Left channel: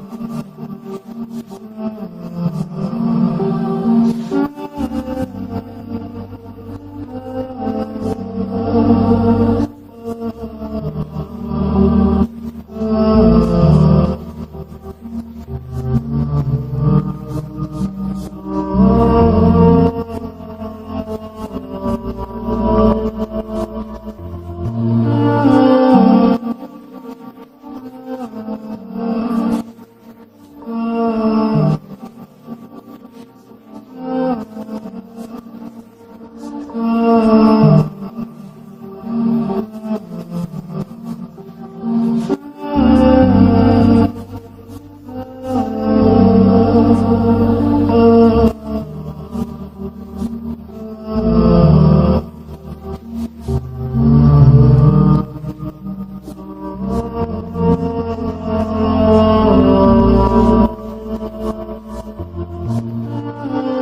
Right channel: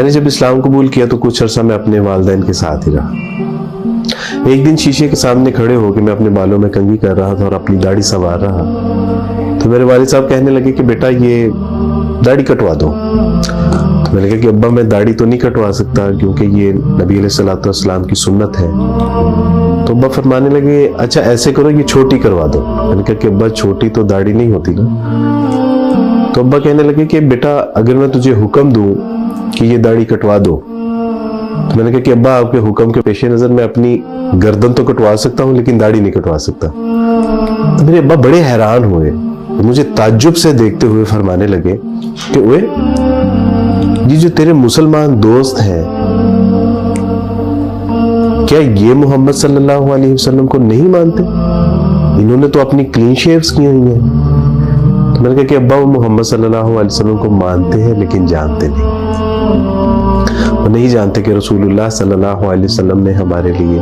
میں نے جب اسلام قبول کیا تو کچھ عرصہ میں اپنے والدین کے ساتھ ہی رہا۔ ایک دن شیشے کے سامنے کھڑے ہو کے میں اپنے بالوں میں کنگھی کر رہا تھا اور اپنی داڑھی سنوار رہا، تو میرے والد صاحب کہنے لگے کہ بیٹا یہ داڑھی کٹوا دو۔ تو میں نے کہا کہ ابا میں داڑھی تو نہیں کٹوا سکتا کیونکہ یہ نبی علیہ الصلوۃ والسلام کی سنت ہے۔ تو ابا فرمانے لگے اچھا ایسے کرو یہ چھوٹی کروا دو۔ میں نے کہا کہ ابا چھوٹی تو داڑھی نہیں ہوتی نا۔ تو ابا کہنے لگے کہ بیٹا اگر میں تجھے حکم دوں کہ یہ داڑھی کٹوا دو، تو میں نے کہا کہ ابا آپ کے حکم کے پیش نظر میں اپنی گردن تو کٹوا سکتا ہوں لیکن داڑھی نہیں کٹوا سکتا۔ تو میرے ابا بڑے حیران ہوئے، مجھے تعجب سے دیکھتے ہوئے فرمانے لگے کہ اوے یہ جو تیرے مسلمان دوست ہیں کیا یہ محمد صلی اللہ علیہ وسلم کو نہیں مانتے؟ انہوں نے تو اپنی کلین شیوز کی ہوئی ہیں۔ تو میں نے کہا کہ ابا وہ محمد صلی اللہ علیہ وسلم کو مانتے ہیں لیکن جانتے نہیں، وہ نہیں جانتے کہ رسول اللہ صلی اللہ علیہ وسلم نے ہمارے لیے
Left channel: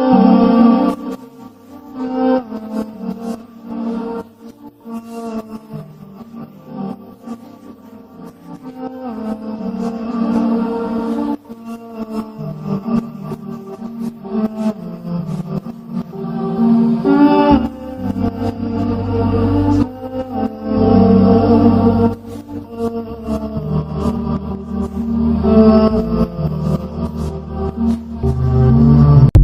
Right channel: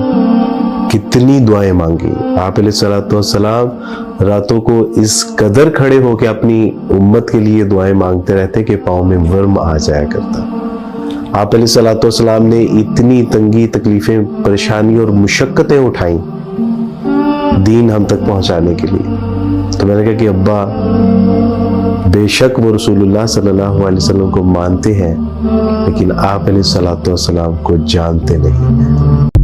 کتنی دعائیں مانگی۔ آپ علیہ الصلوۃ والسلام راتوں کو اس قدر کھڑے ہو کے اپنی امت کے لیے دعائیں مانگتے رہتے کہ پاؤں میں ورم آ جایا کرتا۔ آپ علیہ الصلوۃ والسلام نے اتنی تنگی، تکلیفیں، پریشانی اور مشقتیں اٹھائیں دین ہم تک پہنچانے کے لیے۔ تو میں نے کہا کہ ابا بے شک وہ رسول اللہ صلی اللہ علیہ وسلم کو مانتے ہیں لیکن آپ علیہ الصلوۃ والسلام کو جانتے نہیں۔